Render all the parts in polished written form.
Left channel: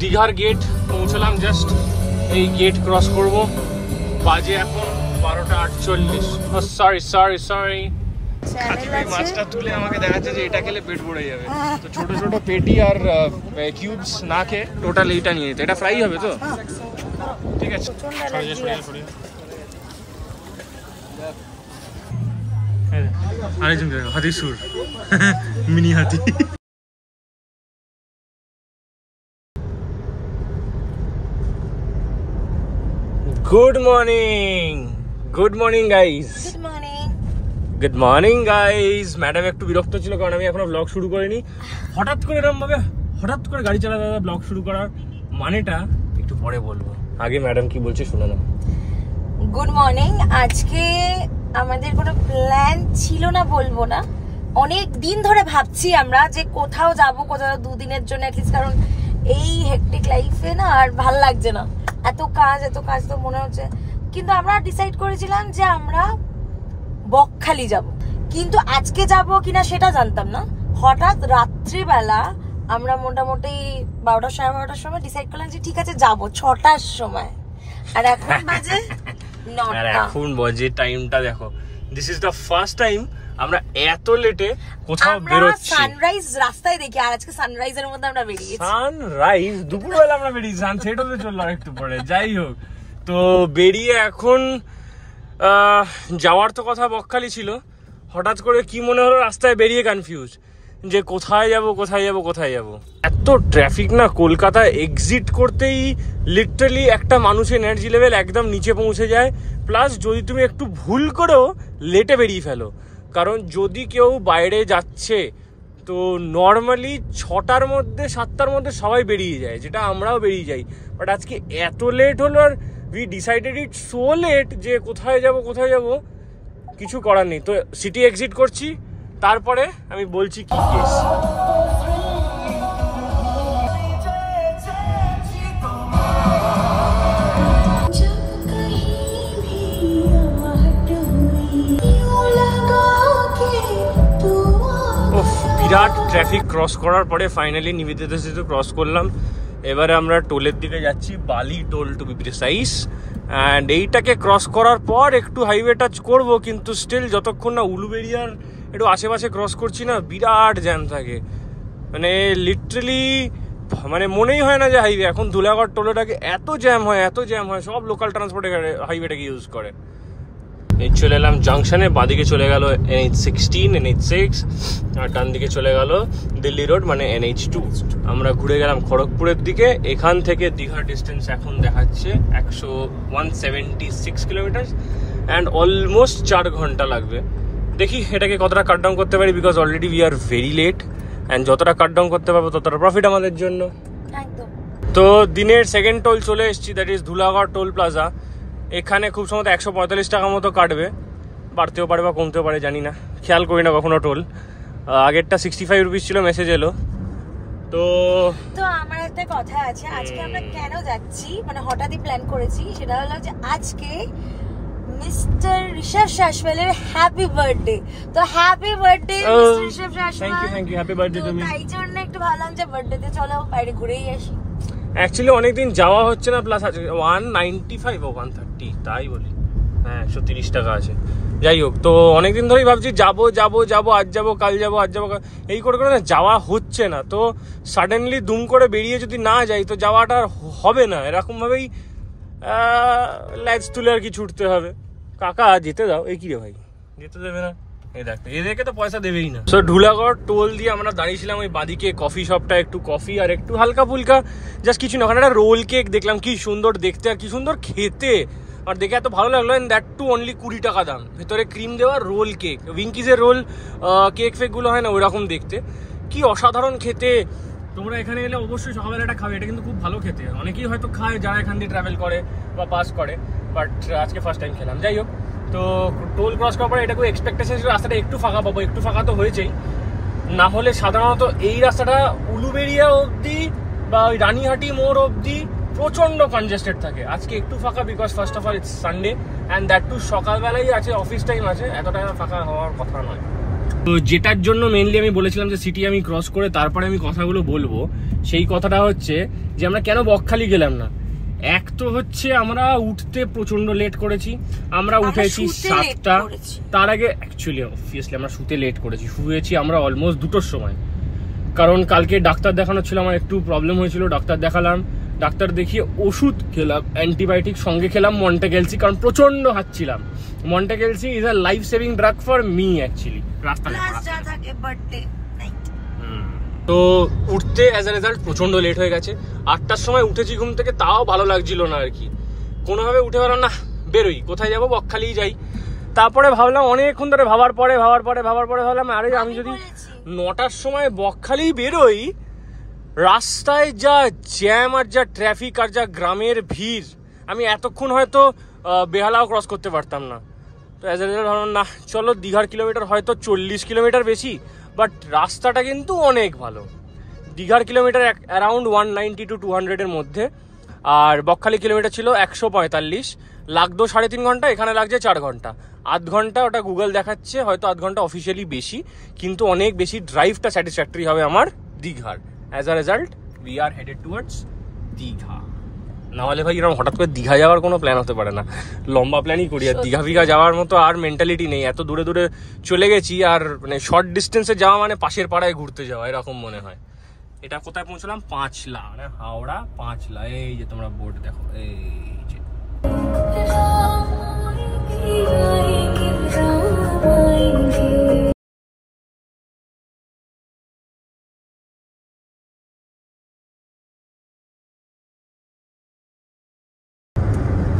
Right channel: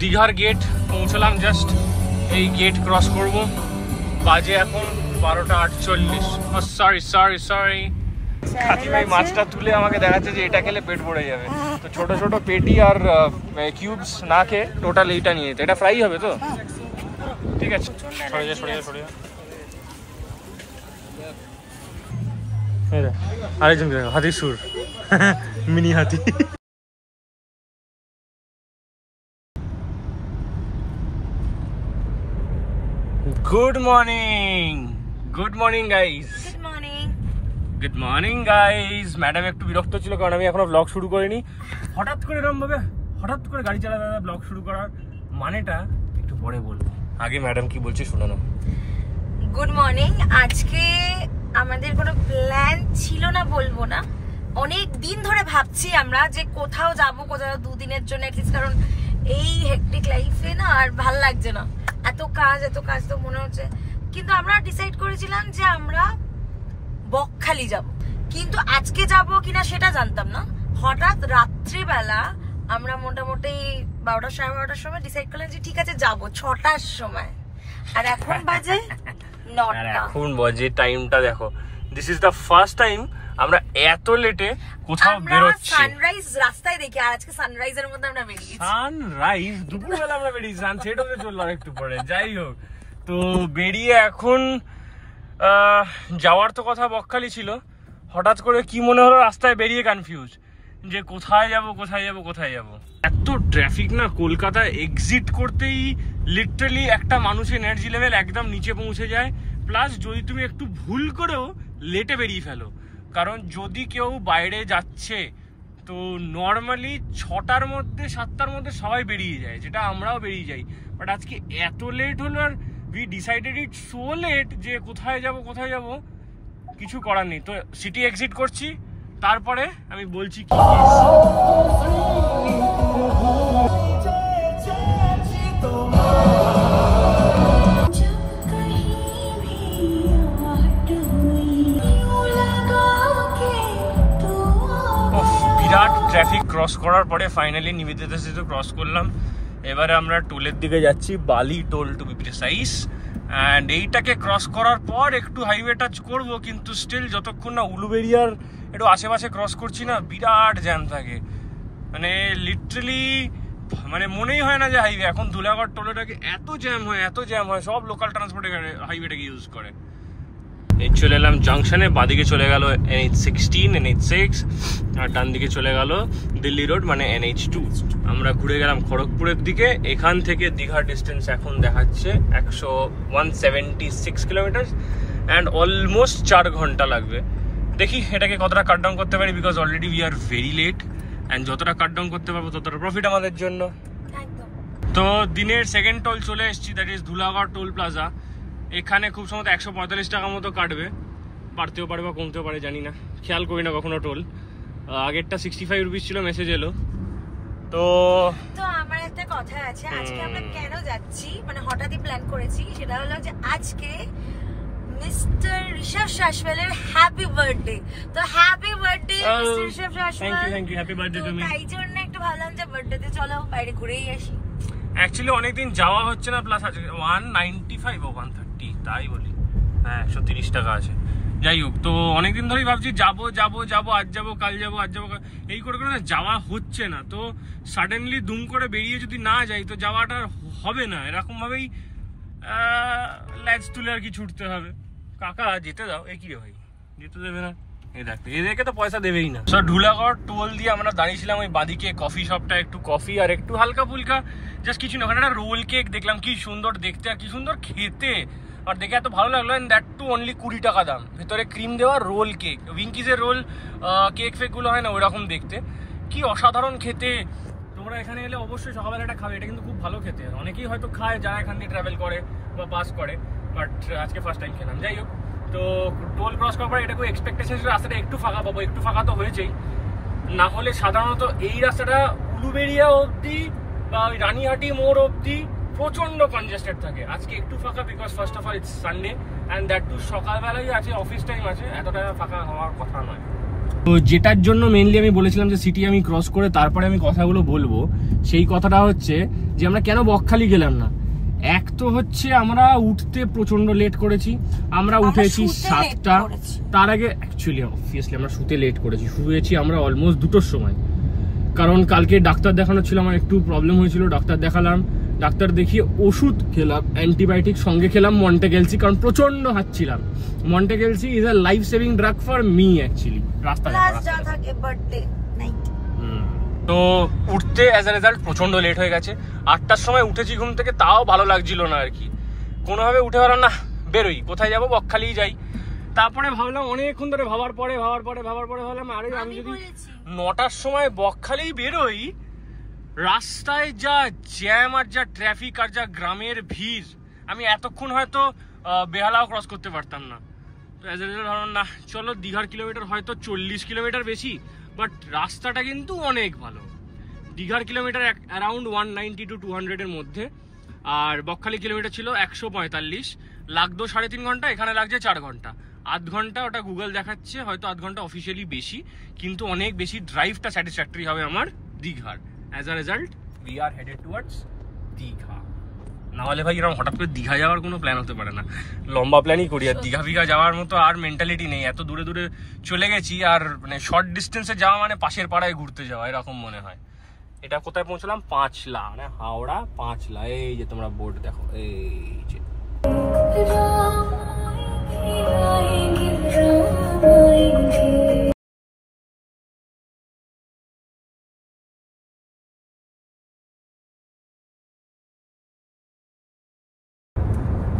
দীঘার গেট পৌঁছলাম, জাস্ট এই গেট ক্রস করব। বাজে এখন 12:48। সরি সরি সরি, কাকিমাই মাছটা তুলে আমাকে দেখাচ্ছে যে এটা খেলে পেট ভরে যাবে। তো ছোট ছোট পেটি আর কিউবস না খেয়ে টোটাল এইটা নিয়ে যেতে। এটা ফ্রাই হবে তো? ঠিক আছে, সরে যা সরে যা সরে যা। আরেকজন হাতির সুর, মিনি হাতি। Good morning, good morning guys. Good morning guys. Madam একটু বিরক্ত ছিল কারণ আমি এখনো ব্লগ শুরু করিনি। হঠাৎ করে এরকম ভাবে হঠাৎ করে গাড়ি চালাতে ব্লগ শুরু করার মানেটা একটু পরে বলবো, আগে ম্যাডাম কি বলছে শুনে নাও। Good morning. আজকে আমাদের কোনো প্ল্যান ছিল না বলবো না, অনেক দিন ধরে ভাবছি আমরা যে কোথাও যাবো, কোথাও 2 দিনের জন্য অ্যাটলিস্ট, কারণ এই হেক্টিক লাইফে না আর ভাল লাগছে না, এত কাজ তো মনে হচ্ছে। কিন্তু আমরা ডিসাইড করেছিলাম যে আমরা বকখালি যাব, কিন্তু আজকে যাব কিনা সেটা জানতাম না। হঠাৎ রাত্রিবেলা আমরা মোটামুটি 12টা সাড়ে 12টার সময় ডিসাইড করলাম যে ঠিক আছে যাবো 6টার সময়, আর এখন বাজে 9টা। এখন বাজে টাইমটা দেখো, this is the first time আমরা এত লেটে কোথাও বেরোচ্ছি। সানরাইজ রাস্তায় দেখি, আর আজকে সানরাইজের মধ্যে আমরা বেরিয়েছি। সানরাইজ দুপুরবেলা আমরা বেরিয়েছি, সানসেট হতে চললো একটু পরে। যাই হোক, তো বেরিয়ে এখন যাওয়ার তো কথা বকখালি ছিল, হঠাৎ করে কি মনে হলো রাস্তায় বেরিয়ে কনফিউজ যে কোথায় যাব কোথায় যাব কোথায় যাব। এত ট্রাফিক না কলকাতায়, এক্সিট করতেই লিটারালি একটা মানুষের এনার্জি লেভেল একদম নিচে পৌঁছে যায়। প্লাস যদি তুমি একটু ভুল করেও লেটে বেরিয়ে ফেলো, কারণ যদি কেউ বাইরে যাচ্ছে তো নর্মালি 6টার মধ্যে 7টার মধ্যে সবাই বেরিয়ে যায়, যেটা আমরাও বেরিয়ে যাই। বাট আজকে এত লেট হলো, আর we decided it so late যে কোথায় যাব কিছু করার নেই। তো সিটি এক্সিট করছি, তারপরে আমি বলছি কি বিরাট ট্রাফিক ক্রস করার পরে ফাইনালি নিবেদিতা সেতু ক্রস করলাম। এবারে আমরা টোলের দিকে যাচ্ছি, Bally toll to be precise. And এইটাকে ক্রস করার পর একটু হাইওয়ে টাচ করবো, কিন্তু স্টিল যতক্ষণ না উলুবেরিয়ার একটু আশেপাশে ক্রস করছি না, বিরাট জ্যাম থাকে। মানে লিটারালি মানে মনেই হয় না যে হাইওয়ে। এখন ধুলাগড় টোলেটাকে এত জ্যাম হয়, সব লোকাল ট্রান্সপোর্টে হাইওয়েটাকে ইউজ করে। এই চলে এলাম জাংশনে, বাদিকে চলে গেল NH16 NH6, আর ডান দিকে চলে গেল দিল্লি রোড মানে NH2। আমরা ঘুরে গেলাম খড়গপুরের দিকে। এখান থেকে দীঘার ডিস্টেন্স এখন দেখাচ্ছে 176 কিলোমিটার, অ্যান্ড অলমোস্ট 4 ঘন্টা লাগবে। দেখি এটাকে কতটা কাট ডাউন করতে পারি, because already we are very late, and যতটা কাট ডাউন করতে পারবো ততটা প্রফিট আমাদের জন্য। তো দিনের সেকেন্ড টোল চলে এসেছি, that is Dhulagarh toll plaza. এখানে খুব সম্ভবত 145 টাকা মতো কাটবে, বাড়তেও পারে বা কমতেও পারে জানি না, খেয়াল করি না কখনো টোল। আগেরটা 65 রুপিস ছিল, মেসেজ এলো। তো আমার একটা কথা আছে, আজকে আমরা কেন যাচ্ছি, মানে হঠাৎই প্ল্যান করেছি, সেটা হলো যে আজকে মিস্টার ঋষভ শাসওয়ালের হ্যাপি বার্থডে। তো happy birthday mister Rishabh Shaswal. Thank you, happy birthday to me. তাই জন্য একটু ভাবলাম যে বার্থডেতে চলো বাইরে ঘুরেই আসি। অ্যাকচুয়ালি অনেকদিন যাওয়া হচ্ছে না, প্লাস আছে 195 ও 130 তাই বলি, হ্যাঁ 130 টাকা আছে। যাই হোক, তো অনেকদিন ধরেই ভাবছি যাবো আজ যাবো কাল যাবো এই করে না যাওয়া হচ্ছে না। তো সাডেনলি দুম করে বেরিয়ে যদি না যাই তো যাওয়াটা হবে না, এরকম ভাবেই ল্যাজ তুলে আর কি ছুটতে হবে। কাকা যেতে দাও, এই কি রে ভাই যেতে দেবে না? এদেরকে তো পয়সা দেবেই না। সো ধুলাগড় টোল দিয়ে আমরা দাঁড়িয়েছিলাম ওই বাদিকে কফি শপটা, একটু কফি আর একটু হালকা ফুলকা জাস্ট কিছু না, ওখানে একটা রোল কেক দেখলাম, কি সুন্দর দেখতে আর কি সুন্দর খেতে, আর দেখে এত ভালো লাগলো। এন্ড দ্যাট টু অনলি 20 টাকা দাম, ভেতরে ক্রিম দেওয়া রোল কেক, উইঙ্কিজের রোল কেক ফেক গুলো হয় না ওইরকম দেখতে, কি অসাধারণ খেতে। তোমরা এখানে এলে অবশ্যই সকালবেলা এটা খাবে, এটা কিন্তু খুব ভালো খেতে। অনেকেই হয়তো খায় যারা এখান দিয়ে ট্রাভেল করে বা পাস করে, বাট আজকে ফার্স্ট টাইম খেলাম। যাই হোক, তো টোল ক্রস করার পরে এটা খুব এক্সপেকটেশন ছিল রাস্তাটা একটু ফাঁকা পাবো, একটু ফাঁকা তো হয়েছেই, না হলে সাধারণত এই রাস্তাটা উলুবেড়িয়া অবধি বা ওই রানীহাটি মোড় অবধি প্রচন্ড কনজেস্টেড থাকে। আজকে একটু ফাঁকা, because first of all it's Sunday, and that too সকালবেলাই আছে, অফিস টাইম আছে, এতটা ফাঁকা হওয়ার কথা নয়। তো যেটার জন্য মেনলি আমি বলেছিলাম যে সিটি আমি ক্রস করে তারপরে আমি কথাগুলো বলবো, সেই কথাটা হচ্ছে যে আমরা কেন বকখালি গেলাম না। এক তো হচ্ছে আমরা উঠতে প্রচন্ড লেট করেছি, আমরা উঠেছি 7টা, তার আগে অ্যাকচুয়ালি অবভিয়াসলি আমরা শুতে লেট করেছি, শুয়েছি আমরা অলমোস্ট 2টোর সময়, কারণ কালকে ডাক্তার দেখানো ছিল, আমার একটু প্রবলেম হয়েছিল, ডাক্তার দেখালাম, ডাক্তার দেখিয়ে ওষুধ খেলাম, অ্যান্টিবায়োটিক সঙ্গে খেলাম মন্টেগেলসি, কারণ প্রচন্ড হাঁচছিলাম। Montek LC is a life saving drug for me actually. রাস্তা তো উঠতে অ্যাজ আ রেজাল্ট প্রচন্ড লেট হয়ে গেছে। 8টার সময় উঠেছি ঘুম থেকে, তাও ভালো লাগছিল না আর কি, কোনোভাবে উঠে পারলাম না, বেরোই, কোথায় যাবো, বকখালিই যাই। তারপরে ভাবলাম, অনেকক্ষণ ধরে ভাবার পরে ভাবলাম আরে আমি যদি 9টার সময় বকখালি বেরোই, রাস্তায় যা জ্যাম আর যা ট্রাফিক আর যা গ্রামের ভিড়, আমি এতক্ষণ হয়তো বেহালাও ক্রস করতে পারতাম না। তো অ্যাজ এ রেজাল্ট ভাবলাম না, চলো দীঘার কিলোমিটার হয়তো 40 কিলোমিটার বেশি, বাট রাস্তাটা কিন্তু অনেক ভালো। দীঘার কিলোমিটার অ্যারাউন্ড 190 to 200 এর মধ্যে, আর বকখালি কিলোমিটার ছিল 145, লাগতো 3.5 ঘন্টা, এখানে লাগছে 4 ঘন্টা, আধ ঘন্টা ওটা গুগল দেখাচ্ছে, হয়তো আধ ঘন্টা অফিসিয়ালি বেশি, কিন্তু অনেক বেশি ড্রাইভটা স্যাটিসফ্যাক্টরি হবে আমার দীঘার। As a result we are headed towards Digha. নাহলে ভাই এরকম হঠাৎ করে দীঘা যাওয়ার কোনো প্ল্যান হতে পারে না, লম্বা প্ল্যানই করি, আর দীঘা ফিঘা যাওয়ার মতো আর মেন্টালিটি নেই। এত দূরে দূরে চলে গেছি, আর মানে শর্ট ডিস্টেন্সে যাওয়া মানে পাশের পাড়ায় ঘুরতে যাওয়া এরকম মনে হয়। এটা কোথায় পৌঁছলাম? পাঁচলা, মানে হাওড়া পাঁচলা। এই যে তোমরা বোর্ড দেখো, এই যে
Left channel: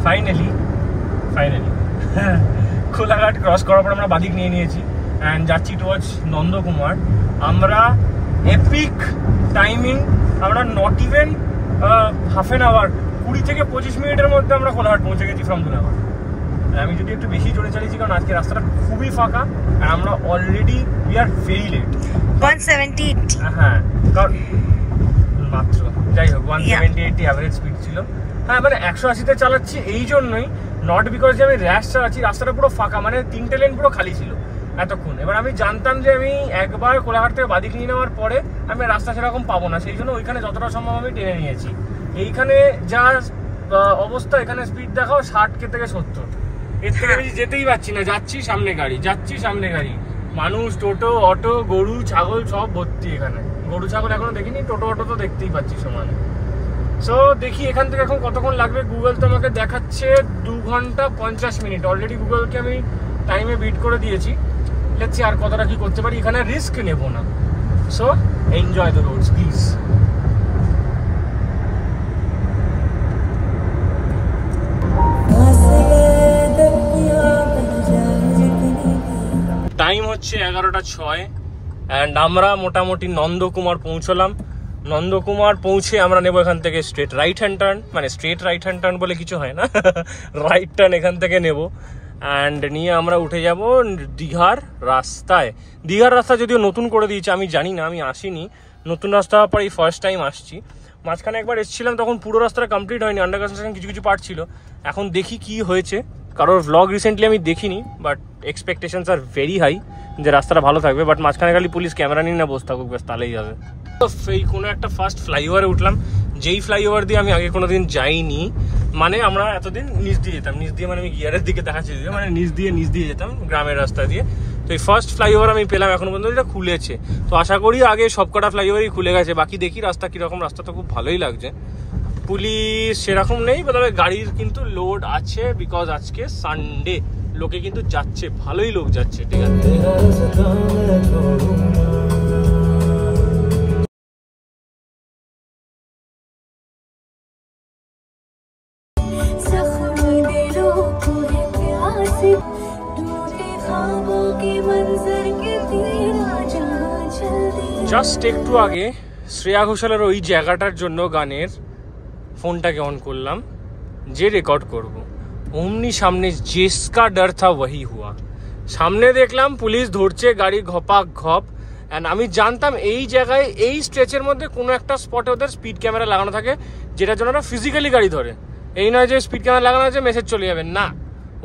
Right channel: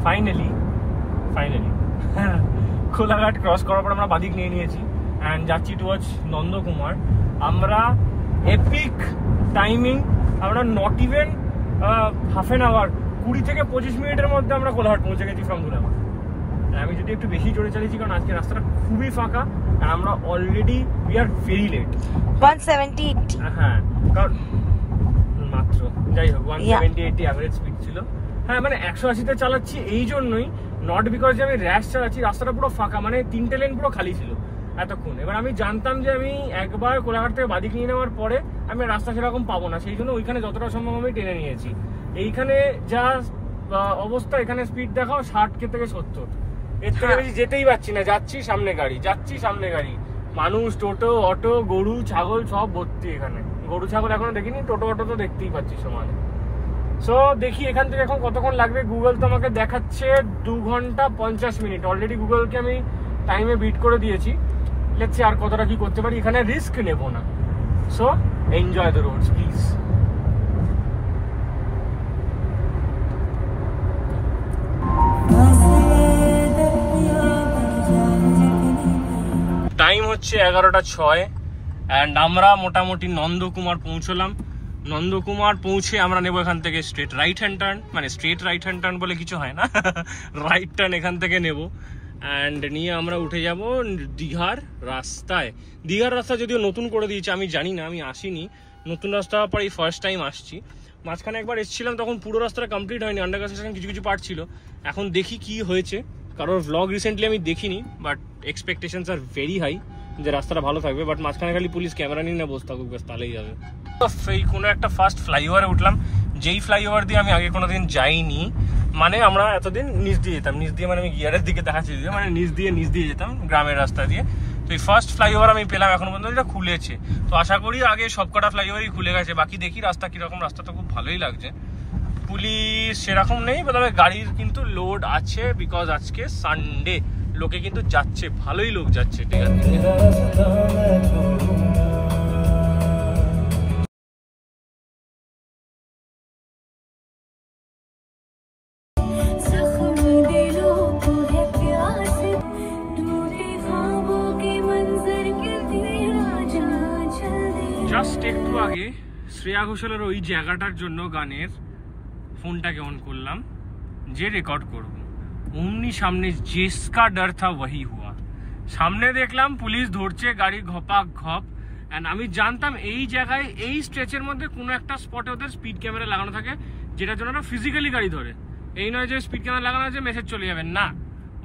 ফাইনালি কোলাঘাট ক্রস করার পর আমরা বাদিক নিয়ে নিয়েছি অ্যান্ড যাচ্ছি টুয়ার্ডস নন্দকুমার। আমরা এপিক টাইমিং, আমরা not even half an hour, 20 থেকে 25 মিনিটের মধ্যে আমরা কোলাঘাট পৌঁছে গেছি ফ্রম দুনাঘাট। আমি যদি একটু বেশি জোরে চালিয়েছি, কারণ আজকে রাস্তাটা খুবই ফাঁকা আর আমরা already we are very late. 178, হ্যাঁ কারণ মাত্র, যাই হোক 170-80 অ্যাভারেজ স্পিড ছিল। হ্যাঁ মানে 180-তে চালাচ্ছি এই জন্যই, নট বিকজ যে আমি র্যাশ চালাচ্ছি, রাস্তাটা পুরো ফাঁকা, মানে 3টে লেন পুরো খালি ছিল এতক্ষণ। এবার আমি জানতাম যে আমি একবার কোলাঘাট থেকে বাদিক নিয়ে নেওয়ার পরে আমি রাস্তা সেরকম পাবো না, সেই জন্য ওইখানে যতটা সম্ভব আমি টেনে নিয়েছি। এইখানে যা অবস্থা, এখানে স্পিড দেখাও 60 থেকে 70, এর থেকে বেশি যেতেই পারছি না। যাচ্ছি সামনে গাড়ি, মানুষ, টোটো, অটো, গরু, ছাগল সব ভর্তি এখানে। গরু ছাগল এখনো দেখিনি, টোটো অটো তো দেখতেই পাচ্ছি সমানে। সো দেখি এখান থেকে এখন কতক্ষণ লাগবে। গুগল তো আমাকে দেখাচ্ছে 2 ঘন্টা 50 মিনিট। অলরেডি গুগলকে আমি টাইমে বিট করে দিয়েছি। লেটস সি আর কতটা কি করতে পারি, এখানে রিস্ক নেব না। So enjoy the roads please. Time হচ্ছে 11:06 অ্যান্ড আমরা মোটামুটি নন্দকুমার পৌঁছলাম। নন্দকুমার পৌঁছে আমরা নেবো এখান থেকে স্ট্রেট রাইট হ্যান্ড টার্ন, মানে স্ট্রেট রাইট হ্যান্ড টার্ন বলে কিছু হয় না, রাইট টার্ন এখান থেকে নেব অ্যান্ড নিয়ে আমরা উঠে যাব দীঘার রাস্তায়। দীঘার রাস্তা যদিও নতুন করে দিয়েছে, আমি জানি না, আমি আসিনি, নতুন রাস্তা পর এই ফার্স্ট টাইম আসছি। মাঝখানে একবার এসেছিলাম, তখন পুরো রাস্তাটা কমপ্লিট হয়নি, আন্ডার কনস্ট্রাকশন কিছু পার্ট ছিল। এখন দেখি কি হয়েছে, কারোর ভ্লগ রিসেন্টলি আমি দেখিনি, but expectations are very high যে রাস্তাটা ভালো থাকবে। বাট মাঝখানে খালি পুলিশ ক্যামেরা নিয়ে না বসে থাকুক, বেশ তাহলেই যাবে। এই কোনো একটা ফার্স্ট ফ্লাইওভারে উঠলাম, যেই ফ্লাইওভার দিয়ে আমি আগে কোনোদিন যাইনি। মানে আমরা এতদিন নিচ দিয়ে যেতাম, নিচ দিয়ে মানে আমি গিয়ারের দিকে দেখাচ্ছি, মানে নিচ দিয়ে যেতাম গ্রামের রাস্তা দিয়ে। তো এই ফার্স্ট ফ্লাইওভার আমি পেলাম, এখনো পর্যন্ত এটা খুলেছে। তো আশা করি আগে সবকটা ফ্লাইওভারই খুলে গেছে, বাকি দেখি রাস্তা কিরকম। রাস্তা তো খুব ভালোই লাগছে, পুলিশ সেরকম নেই, তবে গাড়ির কিন্তু লোড আছে, বিকজ আজকে সানডে, লোকে কিন্তু যাচ্ছে, ভালোই লোক যাচ্ছে। ঠিক আছে, জাস্ট একটু আগে শ্রেয়া ঘোষালের ওই জায়গাটার জন্য গানের ফোনটাকে অন করলাম যে রেকর্ড করব, অমনি সামনে জিসকা ডর থা ওয়াহি হুয়া। সামনে দেখলাম পুলিশ ধরছে গাড়ি ঘপাক ঘপ, অ্যান্ড আমি জানতাম এই জায়গায় এই স্ট্রেচের মধ্যে কোনো একটা স্পটে ওদের স্পিড ক্যামেরা লাগানো থাকে, যেটার জন্য ওরা ফিজিক্যালি গাড়ি ধরে। এই নয় যে স্পিড ক্যামেরা লাগানো আছে মেসেজ চলে যাবে, না,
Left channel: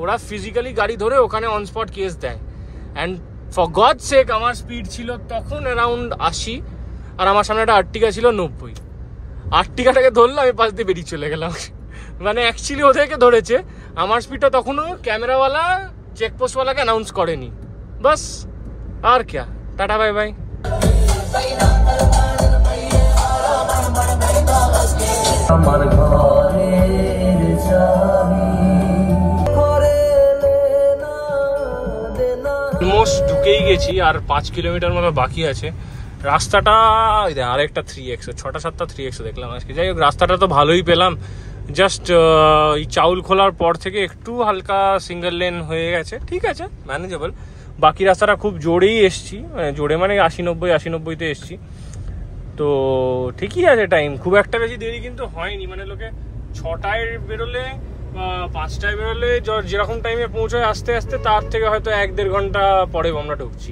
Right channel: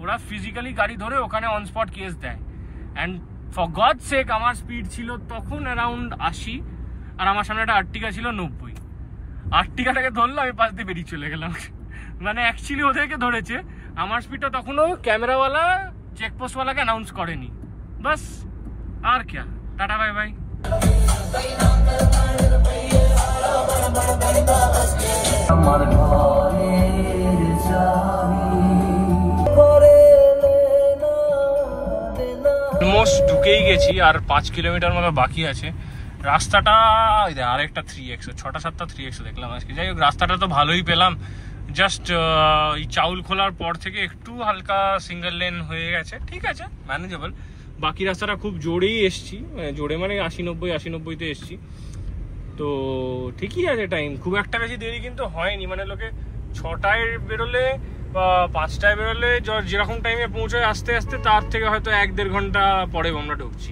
ওরা ফিজিক্যালি গাড়ি ধরে ওখানে অন স্পট কেস দেয়। অ্যান্ড ফর গড সেক আমার স্পিড ছিল তখন অ্যারাউন্ড 80, আর আমার সামনে একটা আর্টিকা ছিল 90। আর্টিকাটাকে ধরলো, আমি পাশ দিয়ে বেরিয়ে চলে গেলাম। মানে অ্যাকচুয়ালি ওদেরকে ধরেছে, আমার স্পিডটা তখনও ক্যামেরাওয়ালা চেকপোস্টওয়ালাকে অ্যানাউন্স করেনি। বাস, আর ক্যা, টাটা বাই বাই। অলমোস্ট ঢুকেই গেছি, আর 5 কিলোমিটার মতো বাকি আছে। রাস্তাটা আরেকটা 3x, 6-7টা 3x দেখলাম আজকে। যাই হোক, রাস্তাটা তো ভালোই পেলাম। জাস্ট এই চাউল খোলার পর থেকে একটু হালকা সিঙ্গেল লেন হয়ে গেছে, ঠিক আছে, ম্যানেজেবল। বাকি রাস্তাটা খুব জোরেই এসছি, মানে জোরে মানে 80-90-তে এসছি, তো ঠিকই আছে। টাইম খুব একটা বেশি দেরি কিন্তু হয়নি, মানে লোকে 6টায় বেরোলে বা 5টায় বেরোলে যেরকম টাইমে পৌঁছায় আস্তে আস্তে, তার থেকে হয়তো 1-1.5 ঘন্টা পরে আমরা ঢুকছি,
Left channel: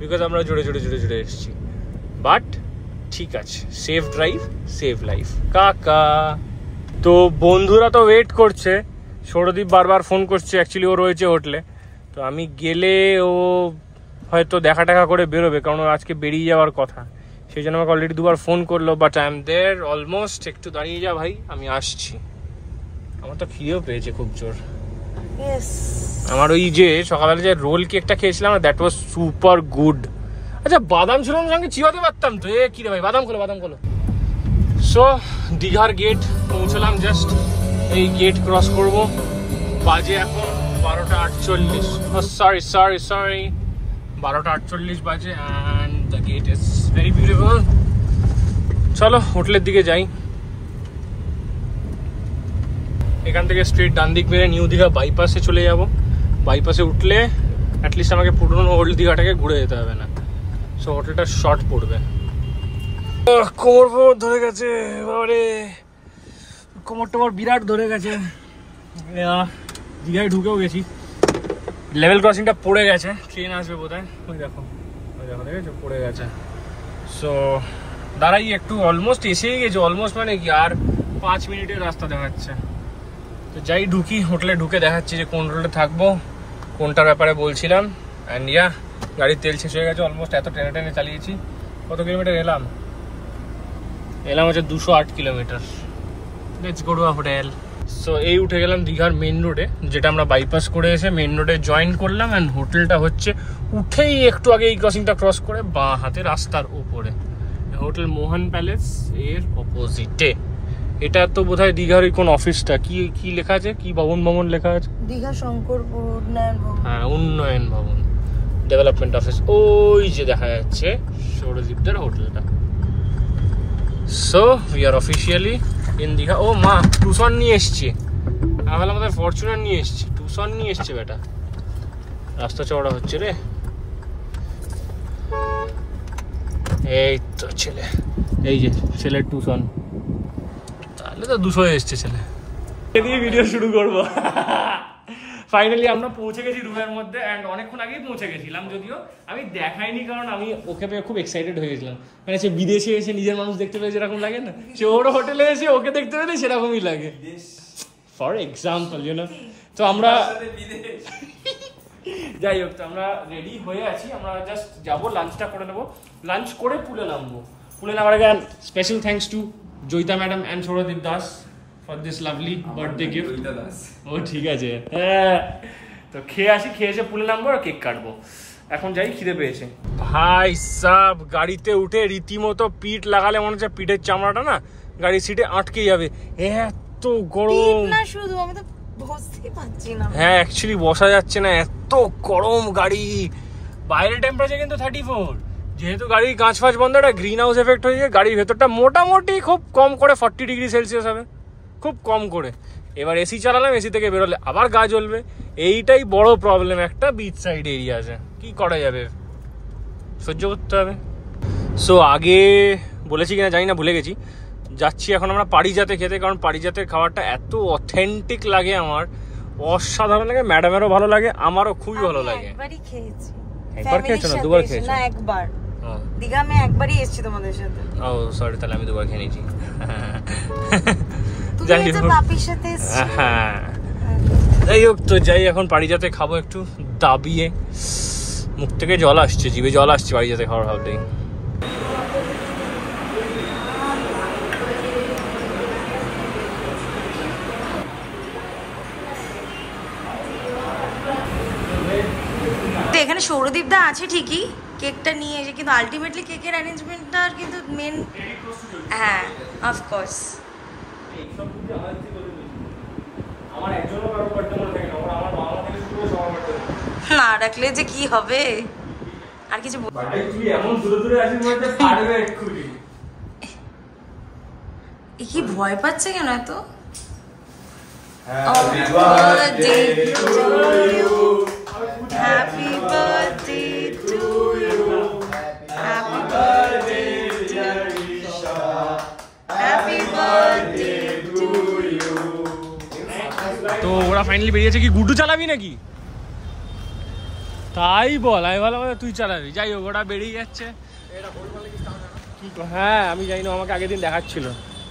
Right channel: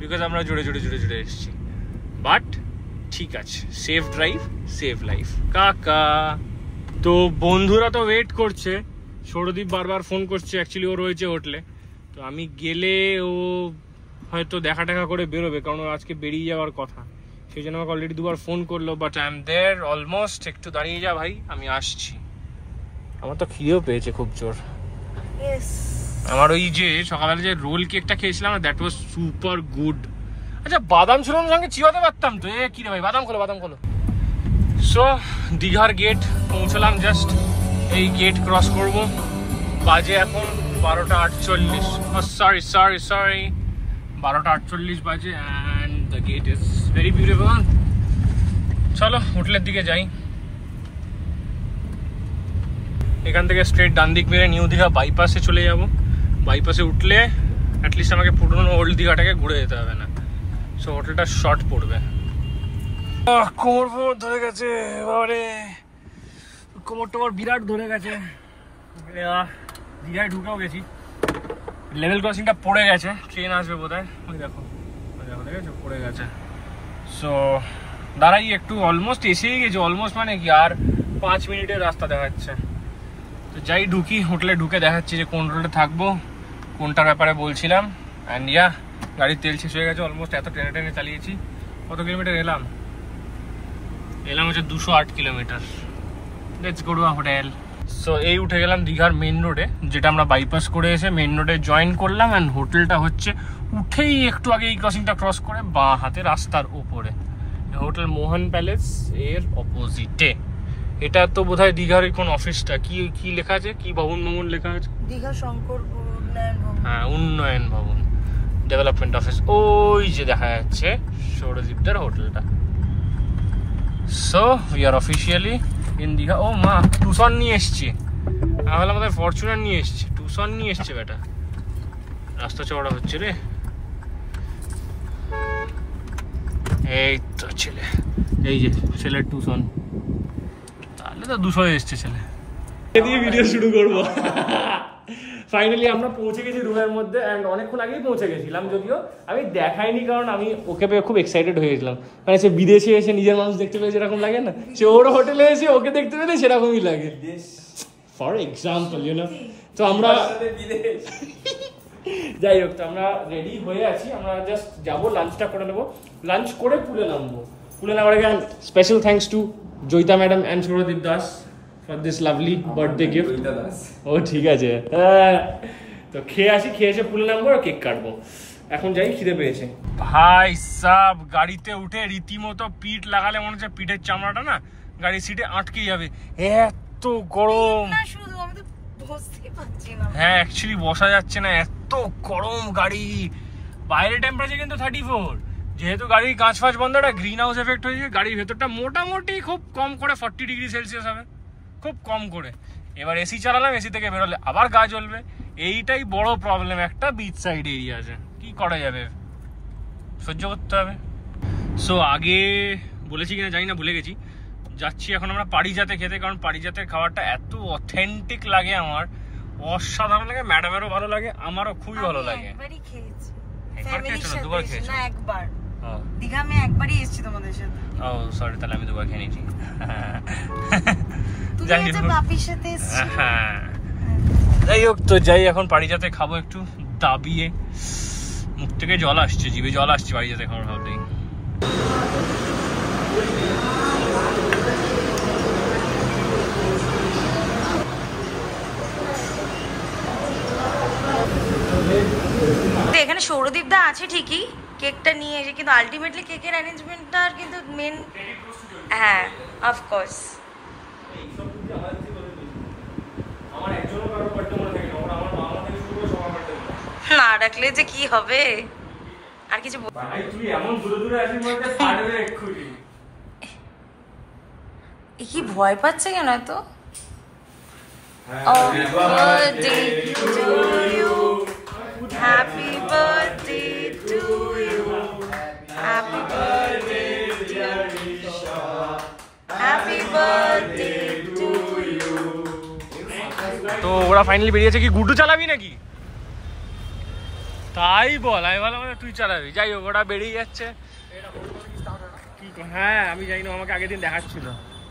বিকজ আমরা জোরে এসেছি। বাট ঠিক আছে, সেফ ড্রাইভ সেভ লাইফ কাকা। তো বন্ধুরা তো ওয়েট করছে, সৌরদীপ বারবার ফোন করছে, অ্যাকচুয়ালি ও রয়েছে হোটেলে। তো আমি গেলে ও হয়তো দেখা করে বেরোবে, কারণ আজকে বেরিয়ে যাওয়ার কথা, সেই জন্য আমাকে অলরেডি 2বার ফোন করলো। But I am there almost. একটু দাঁড়িয়ে যা ভাই, আমি আসছি। আমার তো খিদেও পেয়েছে খুব জোর। আমার ওই যে সকালে যে রোল কেকটা খেয়েছিলাম, দ্যাট ওয়াজ সুপার গুড। আচ্ছা, বাদাম ছিল না সঙ্গে, চিবাতে পারতাম তো। কি রে ভাই, বাদাম খোলো। সো দীঘার গেট পৌঁছলাম জাস্ট, এই গেট ক্রস করব। বাজে এখন 12টা 48, সরি 12টা 48 বাজে, and the gate is very beautiful. চলো হোটেলের দিকে যাই। এখান থেকে স্ট্রেট ডান দিক মেরে নিউ দীঘা বাইপাসে চলে যাব। বাইপাসে উঠলে অ্যাটলিস্ট আমাকে পুরনো ওল্ড দীঘাটাকে ঘুরে যেতে হবে না। সো হোটেলটা শর্ট পড়বে। কোমর ধরে গেছে, এবারে কোমরটা আমার বিরাট ধরে গেছে। দীঘায় ঢুকেও গেছি, লেভেল ক্রসিংটা পড়ে গেছে, ট্রেন আসবে বোধহয়। ওই দেখো দেখেছো, পড়ে গেছে। সো দাঁড়াই একটু, অলমোস্ট এসেই গেছি। অলমোস্ট মানে কি, আর 5 মিনিটের রাস্তা দেখাচ্ছে। তো যাই ঢুকি, হোটেলে ঢুকে দেখাচ্ছি যে কোন রোডে থাকবো, কোনটার ব্যাপারে বলছিলাম। অ্যান্ড ইয়া, গাড়ির তেল শেষ হয়ে গেছে অলমোস্ট। এত টেনে চালিয়েছি। কত কিলোমিটার এলাম হচ্ছে 208 kilometre. Let's go to a hotel. So এই উঠে গেলাম দীঘার মেন রোডে, যেটা আমরা বাইপাস করে এসে মেন রোডে জয়েন করলাম। অ্যান্ড হোটেলটা হচ্ছে উঠেই একটু আগে এই ক্রসিংটা ক্রস করে বাঁ হাতে রাস্তার উপরে। হোটেল মোহন প্যালেস এর অপোজিটে। এটা তো বোধহয় দীঘার কোন অফিসটা, কি লেখা আছে, কি ভবন লেখা আছে? দীঘা শঙ্করপুর উন্নয়ন ভবন। হ্যাঁ, উন্নয়ন ভবন, ডেভেলপমেন্ট অফিস। ওই যে দেখা যাচ্ছে সৌরদীপদের হোটেলটা। So we are officially in Digha. ও মা, টুসন নিয়ে এসছে। তাহলে আমাদের ফরচুনার নিয়ে এসছে, টুসন নিয়ে এসছে বেটা। রাস্তা চওড়া হচ্ছে রে। এই তো ছেলে, এই যে ছেলের টুসন। তাহলে তো 200 এসছে ছেলে। দিয়ে ভিডিও শুরু করবো। ফাইনালি আমরা পৌঁছে গেছি রুমের মধ্যে, অ্যান্ড অনেকক্ষণ আগেই পৌঁছে গেছিলাম, যদিও আমি দেখাইনি, কারণ আমি ওকে পেয়ে খুব এক্সাইটেড হয়ে গেছিলাম। মানে সে বিদেশে এসে নিজের মানুষ দেখতে পেলে যেরকম লাগে না, সে ওর হোটেলে এসে ওকে দেখতে পেলে সেরকমই লাগে, ফর এক্সাম্পল, ইউনো। তো আমরা যাই হোক, তো আমরা রেডি হয়ে আছি। আমরা জাস্ট যাবো, লাঞ্চটা করে নেবো। লাঞ্চ করে পুলে নামবো। পুলে নামার আগে special thanks to Joyita madam and Sourodip Das for this lovely birthday gift. ও ঠিক আছে, হ্যাঁ। তো খেয়ে আসি, খেয়ে এসে পুলে নামবো আর কেক কাটবো। এখন যাই, খিদে পেয়েছে। ভাই সাব, গাড়িতে উঠে রীতিমতো পিঠ লাগালে মনে হচ্ছে পিঠের চামড়াটা না গাড়ির সিটে আটকে যাবে, এত গরম। হ্যাঁ, অ্যাকচুয়ালি বসা যাচ্ছে না, এত গরম গাড়ি। বাইরের টেম্পারেচার কিন্তু 34। যেহেতু গাড়ির কাঁচ ফাঁচ বন্ধ, একটা গ্রিন হাউস এফেক্ট হয়েছে, গাড়ির ভেতরটা মোটামুটি খুব কম করে 40 ডিগ্রি সেলসিয়াস হবে, খুব কম করে। এবার এসি চালালাম, এসি থেকে বেরোলে আবার গা জ্বলবে। এইটাই বড় প্রবলেম একটা বিচ সাইড এরিয়াতে। কি করা যাবে, সহ্য করতে হবে। সো আগে বলেছি কিনা জানি না, ভুলে গেছি। যাচ্ছি এখন আমরা পারিজাতে খেতে, কারণ পারিজাতের খাবারটা এত অথেন্টিক লাগে, আমার অসাধারণ লাগে। ম্যাডামেরও ভালো লাগে, আমারও খুবই ভালো লাগে। একবার খেয়েছো না, 2বার খেয়েছো? না, একবার। দীঘা আমি একবারই এসেছি তোমাদের সাথে। ও সরি, তাহলে আমি 2বার খেয়ে নিয়েছি। যাই হোক, তো যাই এখন পারিজাতে খাবো একটু দাবিয়ে। মুখ থেকে জল আসছে, জিভে জল আসছে বাড়ি যেতে খাবার ভাবলেই। এখানে সৌরদীপ দা আছে ঠিকই, কেকটা নিয়ে এসে, কিন্তু আলটিমেটলি কেকের অ্যারেঞ্জমেন্টটা কিন্তু মেন, হ্যাঁ অফকোর্স। না রাখলে যে কি হবে, আর কিছু কি ভয় পাচ্ছে কেন এত? Happy birthday to you. Happy birthday to you. Happy birthday dear Isha. Happy birthday to you. তো ওরা ফাইনালি বেরিয়েছে কি গুড্ডু চালাবি নাকি? তাই বল, আমি ভালো তুই চালাবি। যাই হোক ওরা বেরিয়ে যাচ্ছে। হ্যাঁ আমি জানি না, আমাকে আগের দিন দেখাচ্ছিল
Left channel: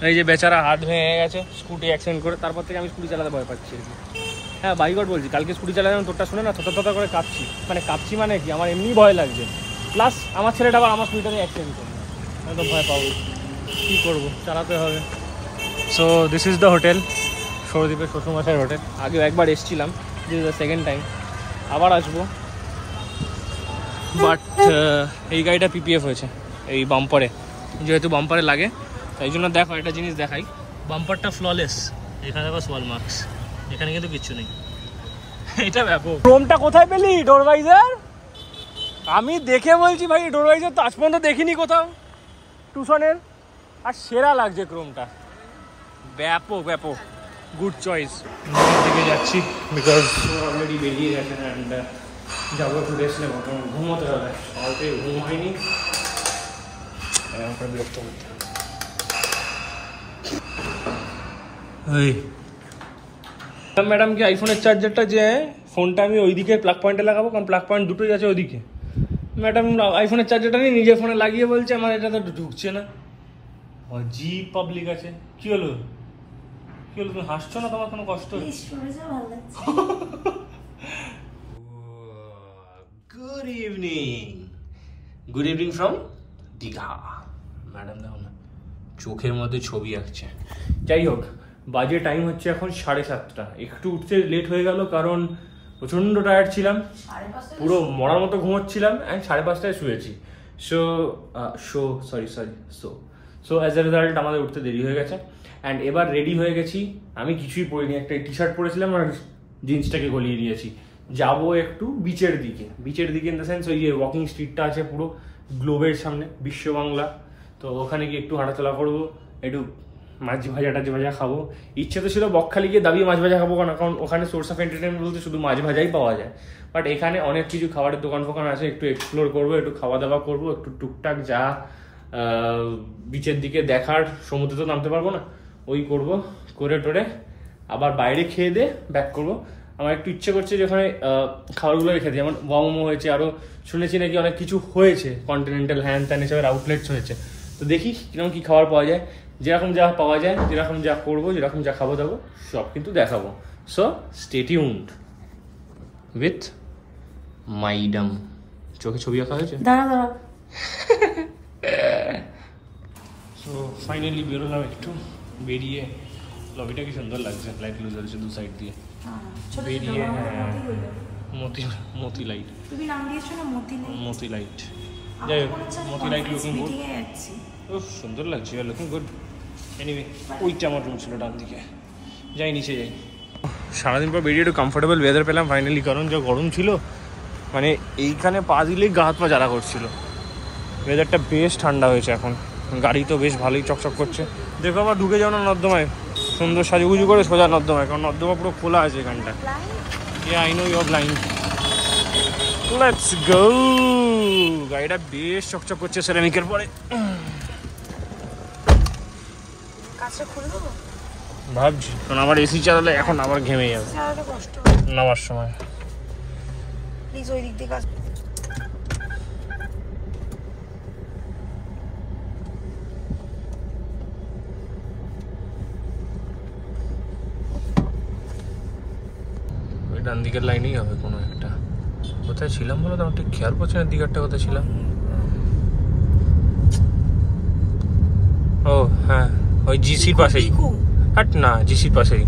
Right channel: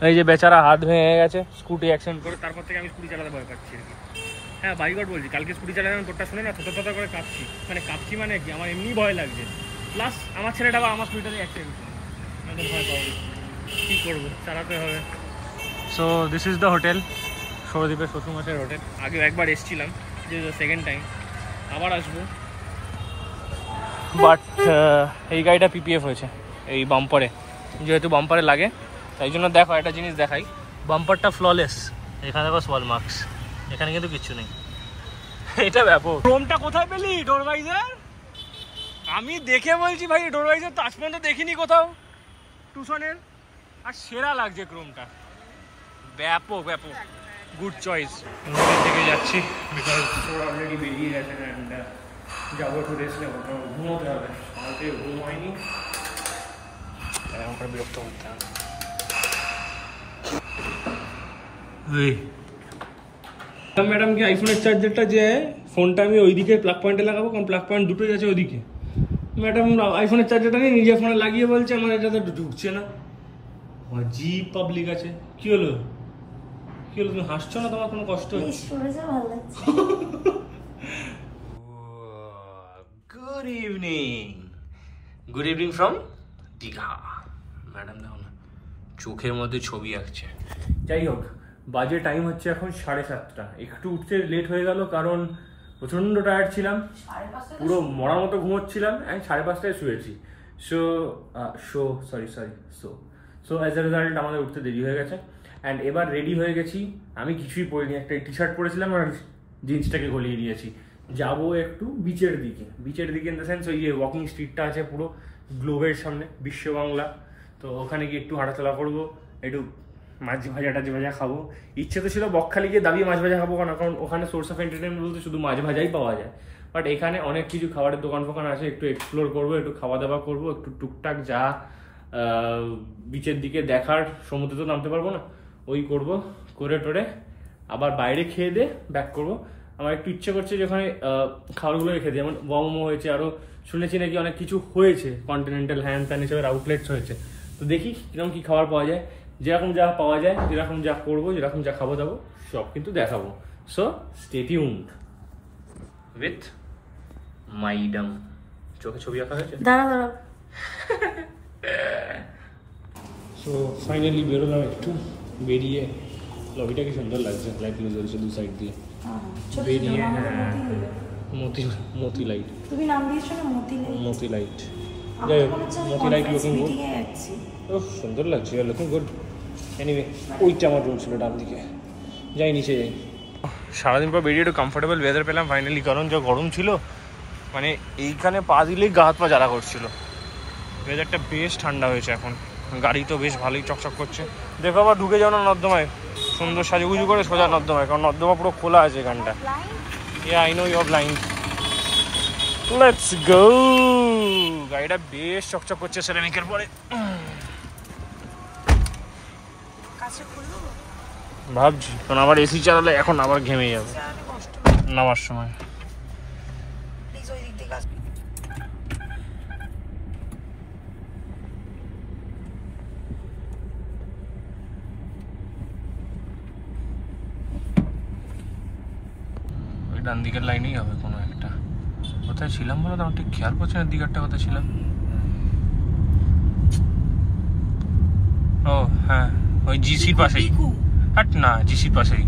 এই যে বেচারা হাত ভেঙে গেছে স্কুটি অ্যাক্সিডেন্ট করে, তারপর থেকে আমি স্কুটি চালাতে ভয় পাচ্ছি আর কি। হ্যাঁ বাইকট বলছি, কালকে স্কুটি চালালাম, তোরটা শুনে না থতা করে কাঁপছি। মানে কাঁপছি মানে কি, আমার এমনি ভয় লাগছে, প্লাস আমার ছেলেটা আবার আমার স্কুটিটাতে অ্যাক্সিডেন্ট করবে, আমি তো ভয় পাবো, কী করবো, চালাতে হবে। So this is the hotel, সৌরদীপের শ্বশুরমশাইয়ের হোটেল। আগেও একবার এসেছিলাম, this is the second time, আবার আসবো। বাট এই গাড়িটা পিপিএফ হয়েছে এই বাম্পারে, যেহেতু বাম্পারে লাগে তাই জন্য। দেখো একটা জিনিস দেখাই, বাম্পারটা ফ্ললেস, এখানে বাস ওয়াল মার্কস, এখানে কিন্তু কিচ্ছু নেই। এটা ব্যাপক। ক্রোমটা কোথায় পেলি ডোরভাইজার? আমি দেখে বলছি ভাই, ডোরভাইজার তো আজ পর্যন্ত দেখিনি কোথাও টুসনের, আর সেরা লাগছে ক্রোমটা, ব্যাপক ব্যাপক, গুড চয়েস। থেকে যাচ্ছি বিকজ অলরেডি বেরিয়ে গেছে অ্যান্ড যাবো একটু রেস্ট নেবো, ঘুমোতে হবে, সকাল থেকে ঘুম হয়নি, আমার বিরক্ত হতে হবে। ম্যাডাম কি আইফোনের চার্জারটা যে ফোনটা আমি ওইদিকে প্লাগ পয়েন্টে লাগাবো, কারণ প্লাগ পয়েন্ট দুটোই আছে ওইদিকে। ম্যাডাম আইফোনের চার্জারটা নিয়ে নিজের ফোনে লাগিয়ে বলছে আমার এটা তো ঢুকছে না। জি পাবলিক আছে, কি হলো কি হলো, তুমি হাসছো না? তোমার কোনো কষ্ট? Good evening, good evening from Digha. Madam দেখো না চোখের মধ্যে ছবি আঁকছে। যাই হোক, বাজে টাইম হচ্ছে এখন 7:30, একটু উঠতে লেট হয়ে গেল কারণ প্রচণ্ড টায়ার্ড ছিলাম, পুরো মরার মতো ঘুমোচ্ছিলাম, অ্যান্ড 5:30 শুয়েছি। সো অ্যাজ এ রেজাল্ট আমাদের উঠতে দেরি হয়ে গেছে। অ্যান্ড এবার রেডি হয়ে গেছি, আমি কিছুই পরিনি, একটা টি শার্ট পরেছিলাম আর জিন্সটাকে গলিয়ে দিয়েছি। যাবো একটু বিচের দিকে, বিচের দিকে ইন দ্য সেন্স ওই যে ওয়াকিং স্ট্রিটটা আছে পুরো গ্লোবের সামনে, বিশ্ব বাংলা, তো ওখানে গিয়ে একটু হাঁটাচলা করবো, একটু মাছ ভাজা খাবো। ইচ্ছে তো ছিল বকখালি গিয়ে দাবিয়ে মাছ ভাজা খাবো, কারণ ওখানে সোর্স অফ এন্টারটেনমেন্ট বলতে শুধু মাছ ভাজাই পাওয়া যায়। বাট এখানে অনেক কিছু খাবারের দোকান ফোকান আছে, একটু এক্সপ্লোর করবো, একটু খাওয়া দাওয়া করবো, একটু টুকটাক যা বিচের দিকে দেখার, সমুদ্রে তো নামতে পারবো না, ওই করবো, করে টোরে আবার বাইরে খেয়ে দিয়ে ব্যাক করবো। আমার একটু ইচ্ছে করছে যে ওখানে খাবারগুলো রেখে দিই, যেমন মোমো হয়েছে, আরও শুনেছি নাকি অনেক কিছু হয়েছে, কন্টিনেন্টাল হ্যান ত্যান হিসাবে আউটলেটস হয়েছে, তো দেখি কিরকম কী খাবার পাওয়া যায়। যেরকম যা পাওয়া যায়, যেরকম যা করবো, যেরকম যা খাবো দাবো সব কিন্তু দেখাবো। সো স্টে টিউনড উইথ মাইডাম। চোখে ছবি আঁকা হয়েছে, দাঁড়া। সো ফাইনালি বেরোলাম, একটু বেরিয়ে, লবিটা কি সুন্দর লাগছে, লাইট লুজ হয়েছে দু সাইড দিয়ে, বেরিয়ে মতি লাইট, তুমি নাম দিয়েছো না মতি লাইট। যাই হোক, মতি লাইট লুকিং গুড, ও সুন্দর লাগছে, লুকিং গুড। এনিওয়ে ওইটা আমার রুম ছিল ডান দিকে, যাই নিচে যাই। সারাদিন পর বেরিয়ে একটু কমফোর্টেবল ওয়েদার পেলাম ফাইনালি, কারণ যা গরম ছিল, মানে এইখানে পা দিলেই গা হাত পা জ্বালা করছিল। ওয়েদারটা বেশ ঠান্ডা হয়েছে এখন, গাড়ি তো বেশ ভালোই চকচক করছে। দেখো আবার ঢুকে যাও না নর্দমায়, সুন্দর সাজুগুজু করে সোজা নর্দমায়, কারণ নর্দমা পুরো খোলা আছে এখানটা। I know you are blind, let's go. গাড়িটা বেশ চকচক করছে সেরামিকের পরে, ভাবছি কারণ আবার এসি চালালে এখন আবার ঘেমে যাবে নামার সময়। ওই ডান দিকের লাইনেই হবে কোনো একটা। কোথায় ছিলাম বলো তো, আমার ঠিক খেয়াল পড়ছে না দিঘাটটা কোথায় ছিলাম। ও হ্যাঁ, ওই জিসির পাশেই। হাট না, জিসির পাশেই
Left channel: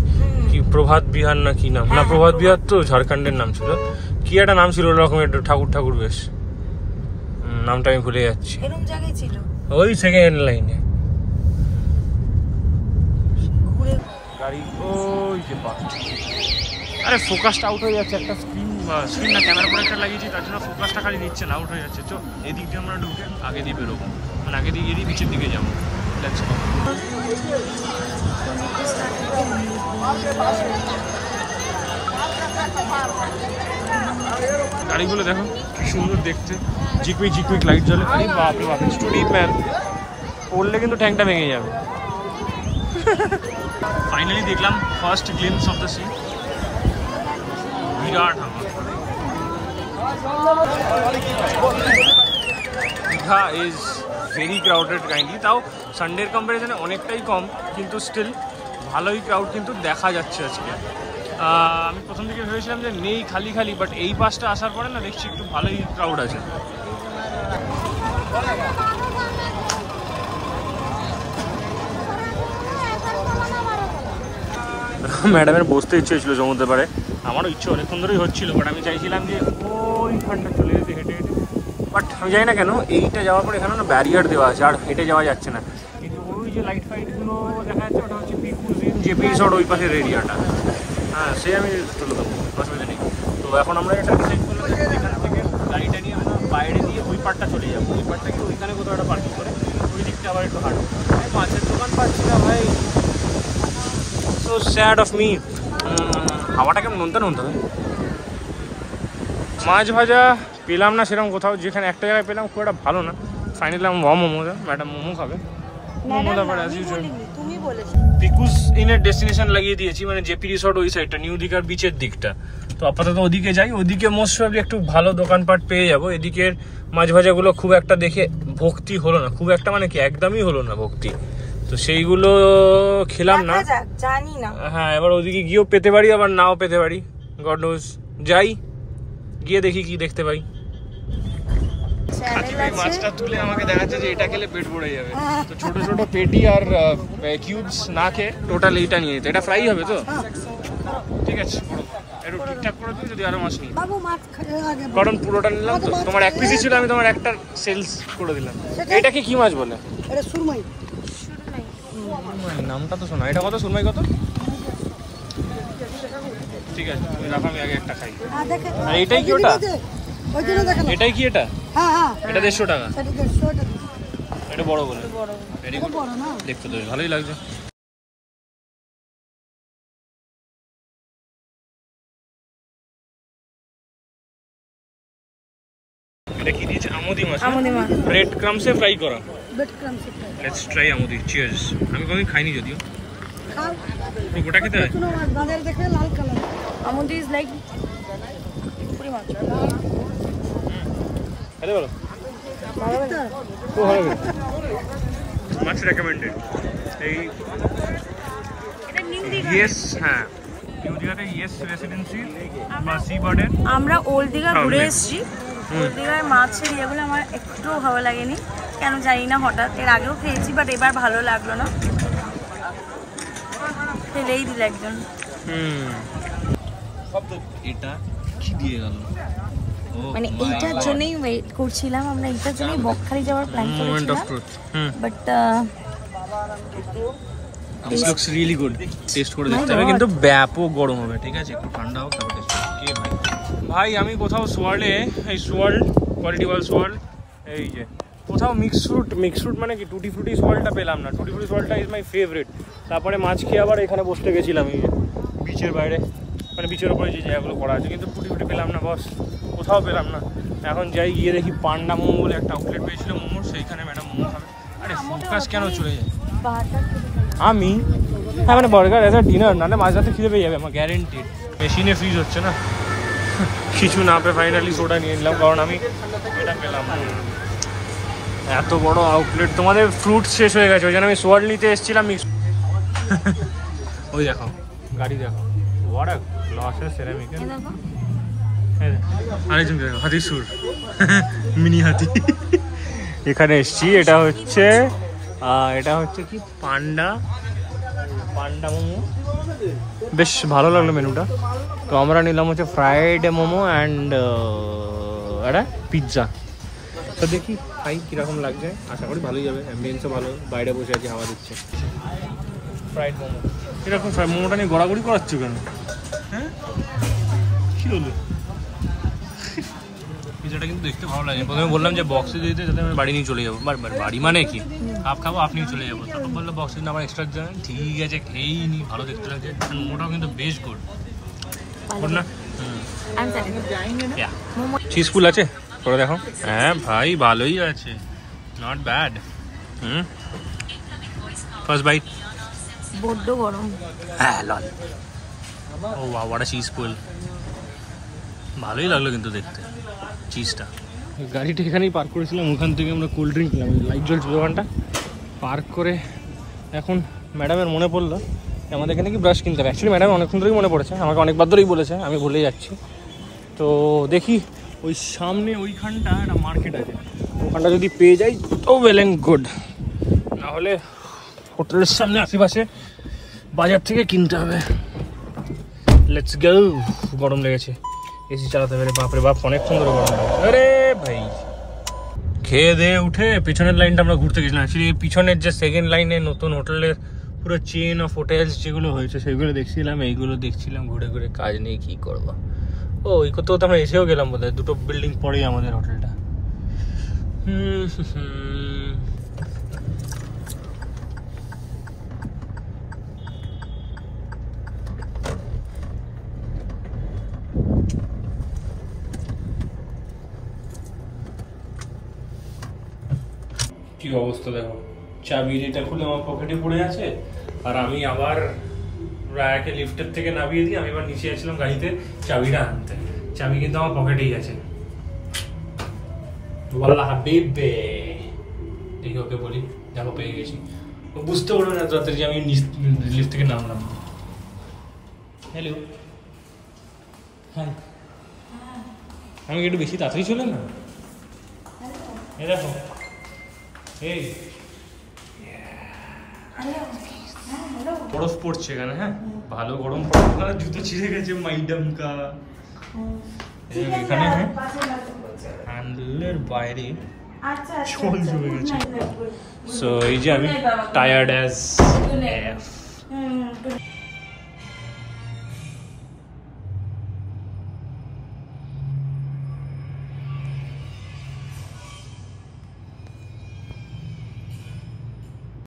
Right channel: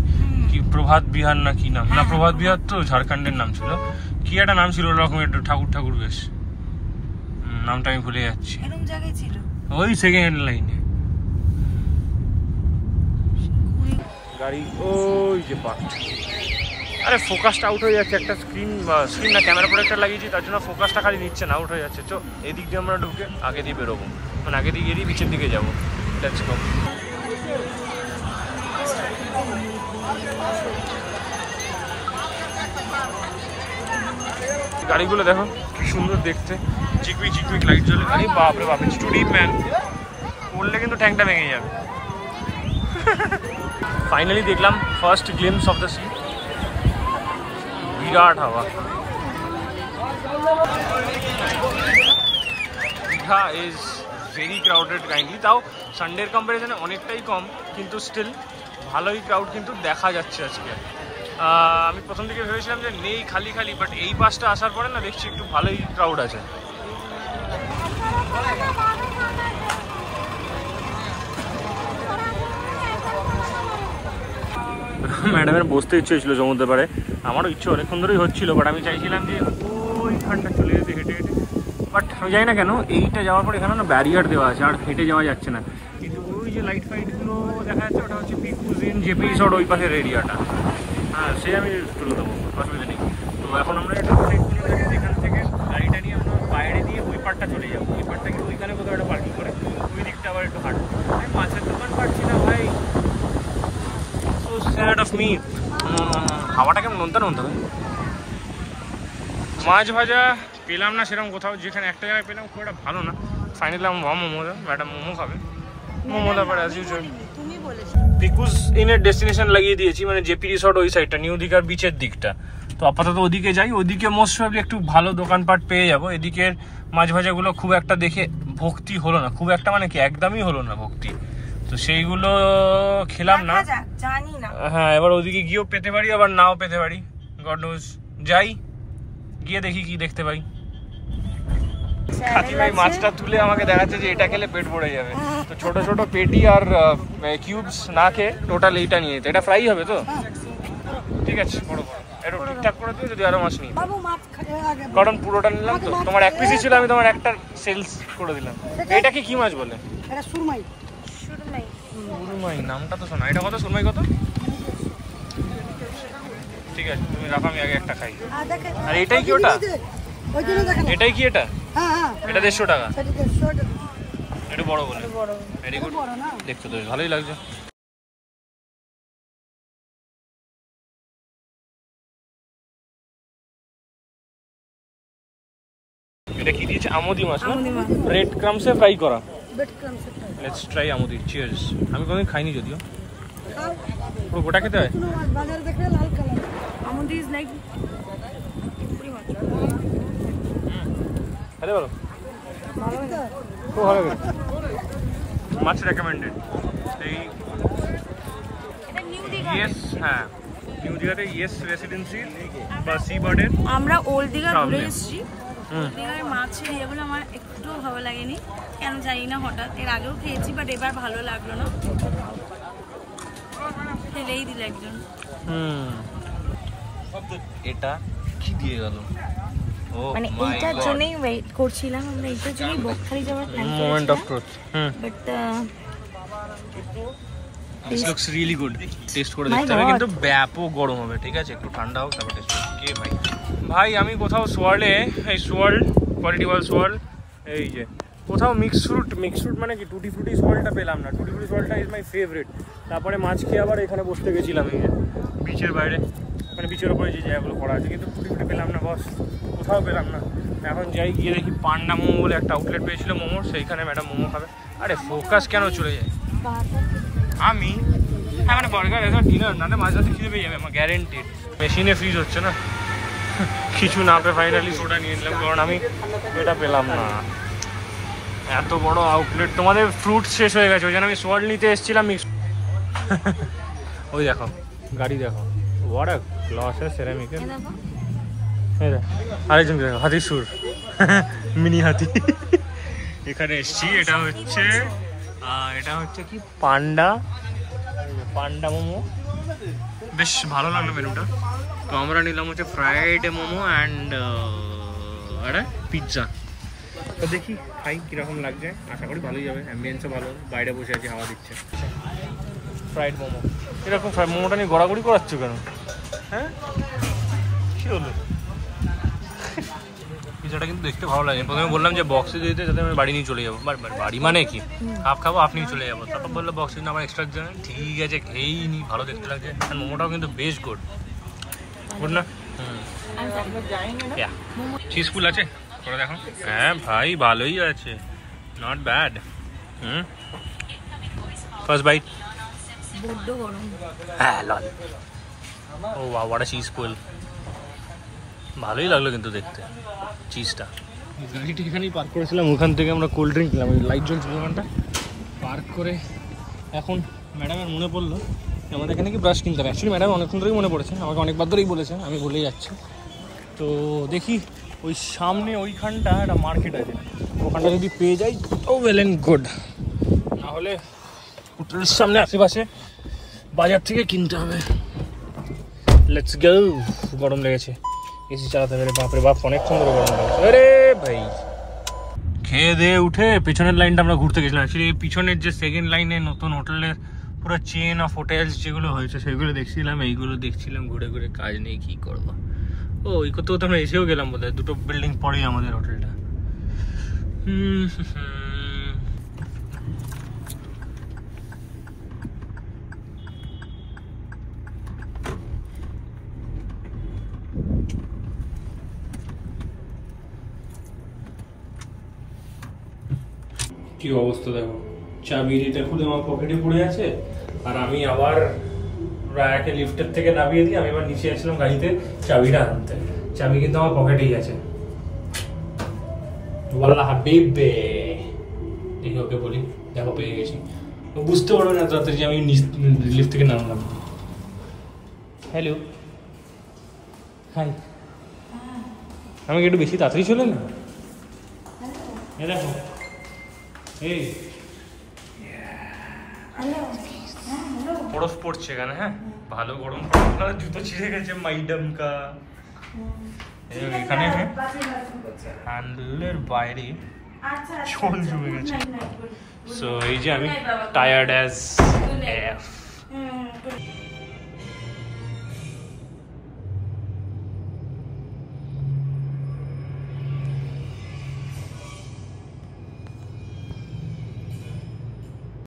কি প্রভাত বিহার না কি নাম, না প্রভাত বিহার তো ঝাড়খণ্ডের নাম ছিল, কি একটা নাম ছিল ওরকম একটু ঠাকুর ঠাকুর বেশ, নামটা আমি ভুলে যাচ্ছি। ওই সেকেন্ড লাইনে গাড়ি ওই যে পা। আরে ফোকাসটা আউট হয়ে যাচ্ছে, একটা স্ক্রিন না ক্যামেরা প্রোটেক্টর লাগিয়েছি, তার জন্য ফোকাসটা খালি নিচ্ছে না, আউট হয়ে যাচ্ছে। তো এদিক দিয়ে আমরা ঢুকে আগে দিয়ে বেরোবো, মানে আগে দিয়ে গিয়ে বিচের দিকে যাবো। গাড়িগুলো দেখো কি সুন্দর দেখতে, চিকুই চিকুই লাইট জ্বলে। আরে বাপরে বাপ, স্টুডেন্ট ম্যান, পড়লে কিন্তু ট্যাঙ্কটা ভেঙে যাবে। ফাইনালি দেখলাম first glimpse of the sea. বিরাট হাওয়া। Digha is very crowded kindly, তাও সানডের কম্পারিজনে অনেকটাই কম, কিন্তু স্টিল ভালোই ক্রাউড কিন্তু দেখা যাচ্ছে আজকে। আমি প্রথম দিকে ভেবেছিলাম যে নেই, খালি খালি, বাট এই বাসটা আসার পরে না দেখছি একটু ভালোই ক্রাউড আছে। ম্যাডামের বসতে ইচ্ছে হয়েছিল সমুদ্রের পাড়ে, আমারও ইচ্ছে অনেকক্ষণ ধরেই হচ্ছিল, বাট আমি চাইছিলাম যে ওইখানটা চলে যেতে হেঁটে হেঁটে, বাট আমি জানি না কেন এইটা যাওয়ার পর এখানে না ব্যারিয়ার দেওয়া আছে, আর হেঁটে যাওয়া যাচ্ছে না। কিন্তু ওই যে লাইট ফাইটগুলো দেখা যাচ্ছে, ওটা হচ্ছে পিকুজ ইন জেপি রিসর্ট ওই পাশের এরিয়াটা। হ্যাঁ, সে আমি তুলে দেবো, অসুবিধা নেই। তো এখন আমরা এখান থেকে গাড়িটা নিয়ে আমরা বাইরে দিয়ে ওই পার্টটা চলে যাবো, ওই পার্টটা গিয়ে ওইখানে কোথাও একটা পার্কিং করে ওই দিকটা আবার একটু হাঁটবো। আমি মাছের দোকান পাচ্ছি না ভাই, সো স্যাড অফ মি। হাওয়াটা কেমন নোনতা নোনতা, মাছ ভাজা পেলাম না সেরকম কোথাও, যেখানে একটা জায়গায় পেলাম খুব একটা ভালো না। ফাইনালি আমি মোমো, ম্যাডাম মোমো খাবে, মোমো তারপরে অ্যাজ ইউজুয়াল পিকুজ ইনের ডেস্টিনেশন লাগিয়ে দিয়েছি, মানে জেপি রিসর্ট ওই সাইডটা, নিউ দীঘার বিচের দিকটা। তো আপাতত ওদিকে যাই, ওদিকে মোস্ট প্রবাবলি একটু ভালো দোকানপাট পেয়ে যাবো। এদিকের মাছ ভাজাগুলো খুব একটা দেখে ভক্তি হলো না, খুব একটা মানে কি একদমই হলো না ভক্তি, তো সেইগুলো খেলাম না। হ্যাঁ, এবার ওদিকে গিয়েও পেতে পারি, আবার নাও পেতে পারি, গড নোজ। যাই গিয়ে দেখি কি দেখতে পাই। কাকিমাই মাছটা তুলে আমাকে দেখাচ্ছে যে এটা খেলে পেট ভরে যাবে, তো ছোট ছোট পেটি আর কিউবস না খেয়ে টোটাল এইটা নিয়ে যেতে। এটা ফ্রাই হবে তো, ঠিক আছে, বড় বড় একটু ঠিকঠাক করে দিও যদি আরো মাছ নিই, কারণ পুরোটা নিলাম তো। তোমার এক পিসই ছিল, আমি তোমার একটা সেলস করে দিলাম। এটাকে কি মাছ বলে? এটা সুরমাই। সুরমাই নামটা তো শোনা। এটা কত সুরমাই কত? ঠিক আছে, তুমি রাখো, আমি আগে একটা খাই। আর এটাই কি ওটা? এটাই কি এটা? হ্যাঁ হ্যাঁ, এটা 150 টাকা। এটা 150 টাকা। এটা বড় বলে, ভেরি গুড, দেখতে তো ভালোই লাগছে। এটা কি দিয়েছে? আমুদি মাছ। আমুদি মাছ ব্রেড ক্রামসে ফ্রাই করা। ব্রেড ক্রামসে ফ্রাই। লেটস ট্রাই আমুদি। চিয়ার্স। আমি কোনোদিন খাইনি যদিও। খাও। পুরো গোটা খেতে হয়? কোনো মাছ বাজার দেখে লাল কালার। আমুদি ইজ লাইক পুরি মাছ। খেতে বলো। খুব ভালো খেতে। মাছ রেকমেন্ডেড। এই ইয়েস, হ্যাঁ, নিউ দীঘাতে ইয়েস রেসিডেন্সি বা সি বার্ডের আমরা ওল্ড দীঘা ঘুরে এসেছি। ওল্ড দীঘার মাছের ইয়েগুলো আমার একটু ভালো লাগেনি, কেন জানি না, হঠাৎ। এর আগেও খেয়েছি, বাট এবার ভালো লাগলো না, ফেলেই দিল একজন। এটা কি দিয়ে গেল? মানে এইটার জন্যই ওয়েট করছিলাম আমরা, এইটার জন্যই বকখালি যাওয়ার প্ল্যান করেছিলাম, but this looks really good. Test করে দেখতে হবে, কিন্তু ব্যাপক গরম হবে, ঠিক আছে, একটু ঠান্ডা হোক তারপর টেস্ট করব। কে ভাই? ভাই আমি কোথাও সোয়ার্ল্ডে, এই সোয়ার্ল্ড কোয়ালিটি ওয়াল সোয়ার্ল্ড, এই যে কোথাও মিক্স ফ্রুট মানে কি টুটি ফ্রুটি সোয়ার্ল্ডটা পেলাম না। টুটি ফ্রুটি সোয়ার্ল্ডটা ইজ মাই ফেভারিট। তারপরে মাছ খেয়ে আবার এখানে বসতে গেছিলাম, এই বিচের বাইরে, মানে বিচের ওপরে যে জায়গাগুলো করা আছে, কিন্তু টুটি ফ্রুটি পেলাম না বস, কোথাও পেলাম না। এখন যাই গিয়ে দেখি পান্ডা মোমো বলে একটা আউটলেট পেয়েছিলাম মোমো, সেইখানে ম্যাডাম মোমো খাবে। আরে ফোকাস কেন চলে যায়? আমি হ্যাঁ মানে বার্গার এসব ডিনার না, মাঝ রাতে খিদে পেয়ে যাবে আমার গ্যারেন্টিড। মেশিনে ফ্রিজ হচ্ছে না, কিছু না পেয়ে ফাইনালি সোডা নিয়ে নিলাম, কারণ আমি এটা পেলাম না। এত বড় আউটলেট, তোমাদের ফ্রুট শেষ হয়ে গেছে, ওই জন্য আমি সোয়ার্ড নিতে এসেছিলাম। ওই দেখো গাড়ি দেখো, ওয়াট আ গ্লাসের সেরামিকের। আরেকজন হাতির সুর, মিনি হাতি। এখানে এসছি, এটা হচ্ছে কি পান্ডা মোমো। বেশ ভালো লাগলো মেনুটা। তো আমরা নিলাম হচ্ছে ফ্রাইড মোমো অ্যান্ড একটা পিৎজা। তো দেখি খাই কিরকম লাগছে, আশা করি ভালোই যাবে। অ্যাম্বিয়েন্সও ভালো, বাইরে বসে আছি, হাওয়া দিচ্ছে। ফ্রাইড মোমো, এরকম ফ্রাইড মোমোটা নিয়ে গড়াগড়ি করাচ্ছ কেন? হ্যাঁ কি হলো? পিৎজাটা কিন্তু দেখতে ভালো লাগে। প্রথমে বললাম যে বক্সে দিতে, যাতে আমি বাড়ি নিয়ে চলে যাবো। বাড়ি মানে কি, হাফ খাবো হাফ নিয়ে চলে যাবো। তারপর বললো বক্সে আবার এক্সট্রা দেবেন। ঠিক আছে, খেয়েই নি, ভালো দেখতে লাগছে। মোমোটাও কিন্তু বেশ গুড না? চিজফুল আছে, করে দেখো। হ্যাঁ ভাই ভালোই আছে, নট ব্যাড। First bite. বড্ড গরম। হ্যাঁ লল। ও ওয়াও, হোয়াট আ চিজফুল। ভালোই লাগলো কিন্তু দেখতে চিজটা। গাড়িটা এখানেই পার্ক করেছিলাম, ওখান থেকে আমরা কোল্ড ড্রিঙ্ক নিলাম। লাইট জ্বলছিল ওখানটা পার্ক করে। এখন ম্যাডামের মনে পড়লো আমাদের এখানে কি ব্রাশ কিনতে হবে। অ্যাকচুয়ালি ম্যাডাম অনেকক্ষণ ধরেই মনে পড়েছে, আমাকে অনেকবার ধরেই বলেছে, আমি ভুলে যাচ্ছি। তো দেখি ওই সামনে ওইখানটা একটা মার্কেট আছে, ওখানটা যদি পেয়ে যাই তো ওয়েল অ্যান্ড গুড, নাহলে হোটেলের সামনে আশেপাশে বাজার থেকে কিনতে হবে। Let's go. গরম লেগেছে, এসি চালাতে পারে। বাপরে বাপ, অনেকক্ষণ ধরে গরম লেগেছে। আরে ভাই খেয়ে দিয়ে উঠে পিছনের লাইনটা আমরা ঘুরতে গেছিলাম। অ্যাকচুয়ালি পিছনের যে সেকেন্ড লাইনে নতুন হোটেলের পুরো চেন অফ হোটেলস যেগুলো হয়েছে সেগুলো দেখছিলাম, এইগুলো দেখছিলাম ঘুরে ঘুরে। কাজ নেই, কি করবো। ও এই করতে করতে আমরা এসেও গেলাম বোধহয়, দুটো বিল্ডিং পরেই আমাদের হোটেলটা। কি অবস্থা দেখো, চাবিটা খুলে আমার পকেটে পড়ে আছে। আর আমি আবার রায়াকে লিফটের থেকে নামিয়ে দিই, আমি এবার নিচে আসলাম গাড়িতে চাবিটা আনতে। চাবি কিন্তু আমার পকেটেই আছে। ওয়াল্লাহ হাবিবে, দেখি ওকে বলি, দেখো পেয়ে গেছি। ও বুঝতে পারবে না তাড়াতাড়ি যে আমি লিফট থেকে নামলাম। Hello, hi. আমাকে একটু বেশি তাড়াতাড়ি চলে না? এই দেখো, এই বরফ পড়ছে এখানে। হ্যাঁ ভালো গরম পড়ছে, জুতো ছিঁড়ে গেছে মাইডাম কা। এখানে হ্যান্ডেলের বাইরে চল জমে গেছে। সো এই যে আমি টায়ার্ড অ্যাজ এফ।